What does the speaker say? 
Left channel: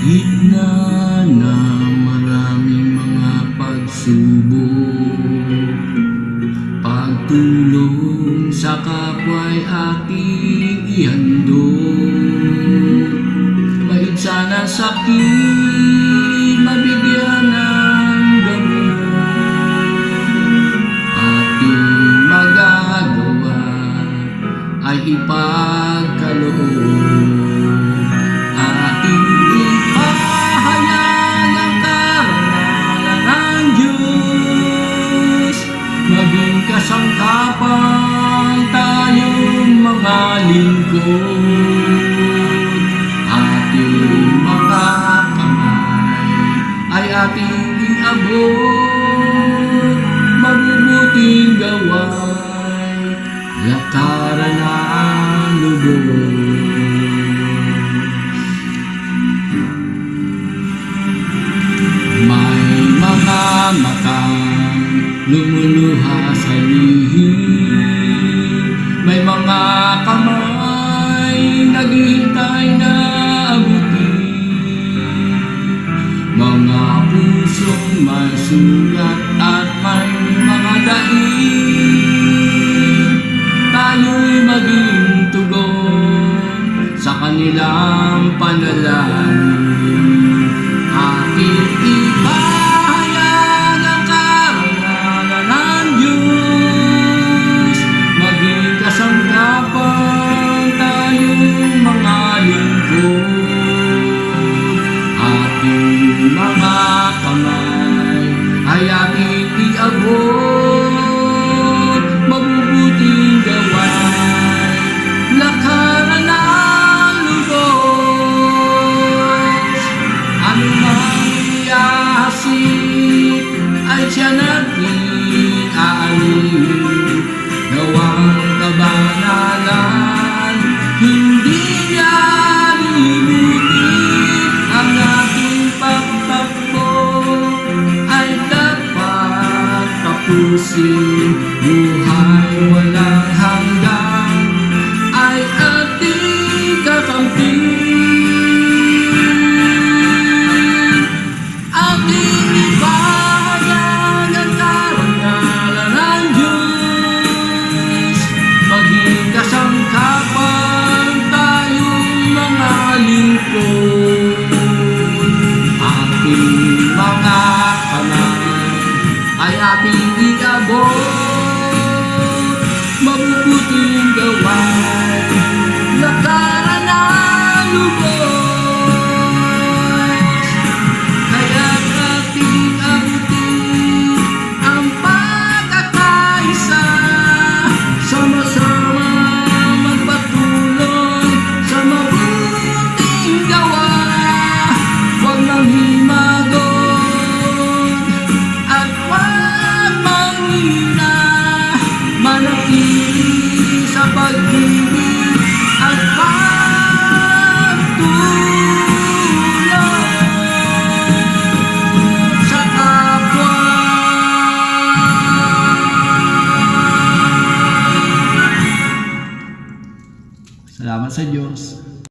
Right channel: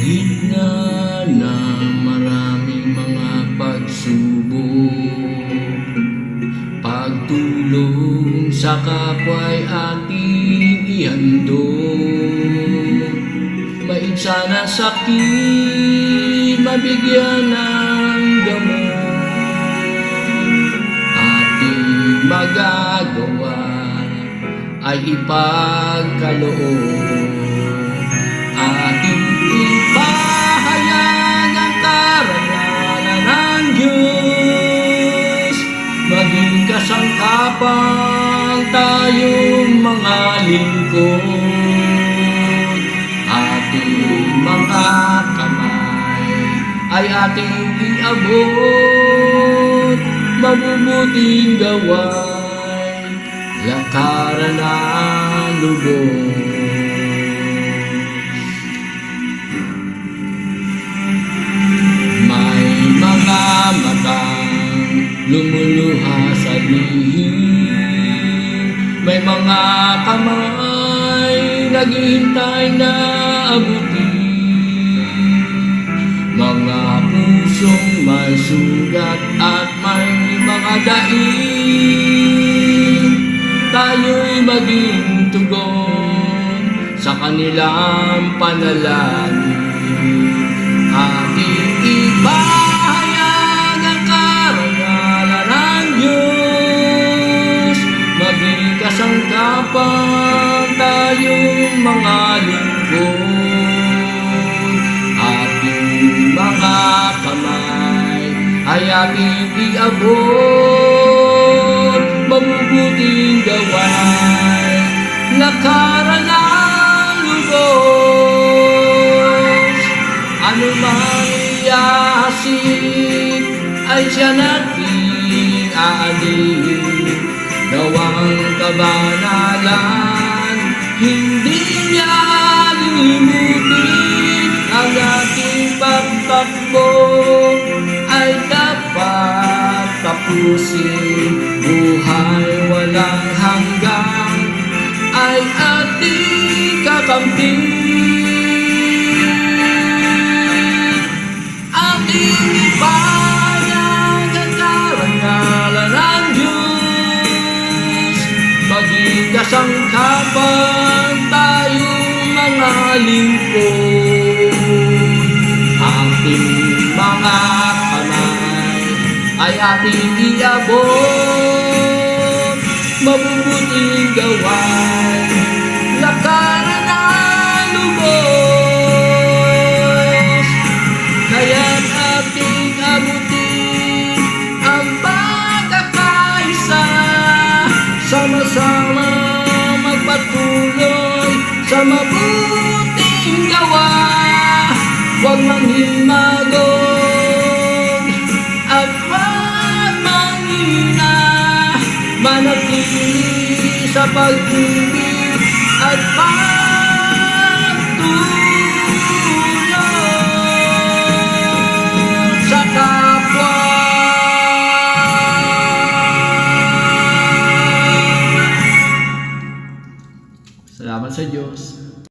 gitna ng maraming mga pagsubok, pagtulong sa kapwa'y ating ihandog. Maig sana sakit, mabigyan ng gamot. Ating magagawa ay ipagkaloob. Ating ipahayag ang karangalan ng Diyos. Maging kasangkapan tayong mga lingkod. Ating mga kamay ay ating iabot. Mabubuting gawain, lakaran ng lubos. May mga matang lumuluha sa lihim, may mga kamay naghihintay na abutin, mga pusong may sugat at may mga daing. Tayo'y maging tugon sa kanilang panalangin. Ating ipahayag ang karangalan ng Diyos. Maging kasangkapan tayong mga lingkod. Ating mga kamay ay ating iabot. Mabubuting gawain, lakaran ng lubos. Ano mang iyahasin ay siya natin aalin. Gawang kabanalan, hindi niya limutin. Ang ating pagtakbo ay dapat tapusin. Buhay walang hanggan ay ating kakampi. Ating ipahayag ang karangalan ng Diyos. Maging kasangkapan tayong mga lingkod. Ating mga kamay ay ating iabot. Mabubuting gawain, lakaran ng lubos. Kaya't ating abutin ang pagkakaisa. Sama-sama magpatuloy sa mabuting gawa. Huwag manghimagod at huwag manghina. Manatili sa pag-ibig at pagtulong sa kapwa. Salamat sa Diyos.